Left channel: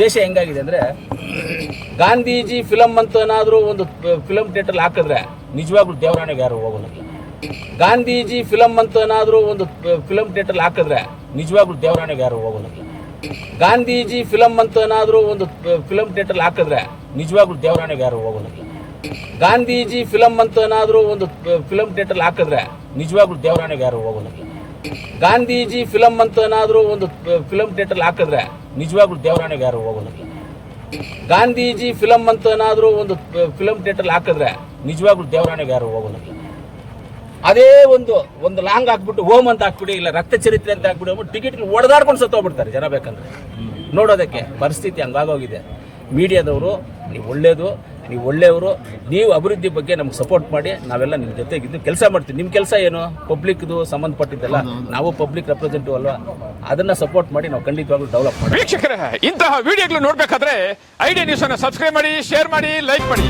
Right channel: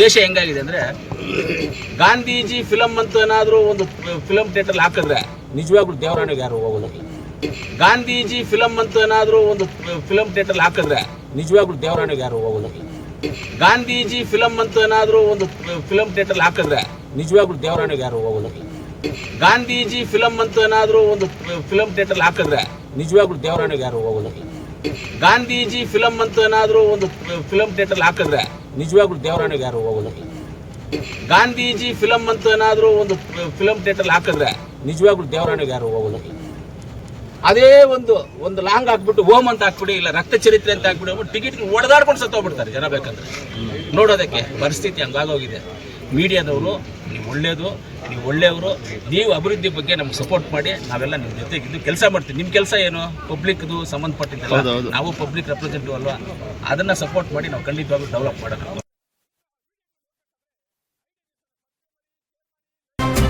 ದೇಶ ಹೆಂಗಾಗಿದೆ ಅಂದರೆ ಗಾಂಧೀಜಿ ಫಿಲಮ್ ಅಂತ ಏನಾದರೂ ಒಂದು ಫಿಲಮ್ ಥಿಯೇಟರ್ ಹಾಕಿದ್ರೆ ನಿಜವಾಗ್ಲೂ ದೇವರಾಣೆಗೆ ಯಾರು ಹೋಗೋದಿಲ್ಲ. ಗಾಂಧೀಜಿ ಫಿಲಮ್ ಅಂತ ಏನಾದರೂ ಒಂದು ಫಿಲಮ್ ಥಿಯೇಟರ್ ಹಾಕಿದ್ರೆ ನಿಜವಾಗ್ಲೂ ದೇವರಾಣಿಗೆ ಯಾರು ಹೋಗೋದಿಲ್ಲ. ಗಾಂಧೀಜಿ ಫಿಲಮ್ ಅಂತ ಏನಾದರೂ ಒಂದು ಫಿಲಮ್ ಥಿಯೇಟರ್ ಹಾಕಿದ್ರೆ ನಿಜವಾಗ್ಲೂ ದೇವರಾಣೆಗೆ ಯಾರು ಹೋಗೋದಿಲ್ಲ. ಗಾಂಧೀಜಿ ಫಿಲಮ್ ಅಂತ ಏನಾದರೂ ಒಂದು ಫಿಲಮ್ ಥಿಯೇಟರ್ ಹಾಕಿದ್ರೆ ನಿಜವಾಗ್ಲೂ ದೇವರಾಣೆಗೆ ಯಾರು ಹೋಗೋದಿಲ್ಲ. ಗಾಂಧೀಜಿ ಫಿಲಮ್ ಅಂತ ಏನಾದರೂ ಒಂದು ಫಿಲಮ್ ಥಿಯೇಟರ್ ಹಾಕಿದ್ರೆ ನಿಜವಾಗ್ಲೂ ದೇವರಾಣೆಗೆ ಯಾರು ಹೋಗೋದಿಲ್ಲ. ಗಾಂಧೀಜಿ ಫಿಲಮ್ ಅಂತ ಏನಾದರೂ ಒಂದು ಫಿಲಮ್ ಥಿಯೇಟರ್ ಹಾಕಿದ್ರೆ ನಿಜವಾಗ್ಲೂ ದೇವರಾಣೆಗೆ ಯಾರು ಹೋಗೋದಿಲ್ಲ. ಅದೇ ಒಂದು ಒಂದು ಲಾಂಗ್ ಹಾಕ್ಬಿಟ್ಟು ಓಮ್ ಅಂತ ಹಾಕ್ಬಿಡಿ, ಇಲ್ಲ ರಕ್ತ ಚರಿತ್ರೆ ಅಂತ ಹಾಕ್ಬಿಡಿ ಟಿಕೆಟ್ ಹೊಡೆದಾಡ್ಕೊಂಡು ಸತ್ತೋಗ್ಬಿಡ್ತಾರೆ ಜನ ಬೇಕಂದ್ರೆ. ನೋಡೋದಕ್ಕೆ ಪರಿಸ್ಥಿತಿ ಹಂಗಾಗೋಗಿದೆ ಮೀಡಿಯಾದವರು, ನೀವು ಒಳ್ಳೇದು ನೀವು ಒಳ್ಳೆಯವರು ನೀವು ಅಭಿವೃದ್ಧಿ ಬಗ್ಗೆ ನಮ್ಗೆ ಸಪೋರ್ಟ್ ಮಾಡಿ ನಾವೆಲ್ಲ ನಿಮ್ಮ ಜೊತೆಗಿದ್ದು ಕೆಲಸ ಮಾಡ್ತೀವಿ. ನಿಮ್ಮ ಕೆಲಸ ಏನು? ಪಬ್ಲಿಕ್ದು ಸಂಬಂಧಪಟ್ಟಿದ್ದಲ್ಲ ನಾವು ಪಬ್ಲಿಕ್ ರೆಪ್ರೆಸೆಂಟಿವ್ ಅಲ್ವಾ? ಅದನ್ನು ಸಪೋರ್ಟ್ ಮಾಡಿ ನಾವು ಖಂಡಿತವಾಗ್ಲೂ ಡೆವಲಪ್ ಮಾಡಿ ವೀಕ್ಷಕರೇ ಇಂತಹ ವಿಡಿಯೋಗಳು ನೋಡಬೇಕಾದ್ರೆ ಐಡಿಯಾ ನ್ಯೂಸನ್ನು ಸಬ್ಸ್ಕ್ರೈಬ್ ಮಾಡಿ ಶೇರ್ ಮಾಡಿ ಲೈಕ್ ಮಾಡಿ.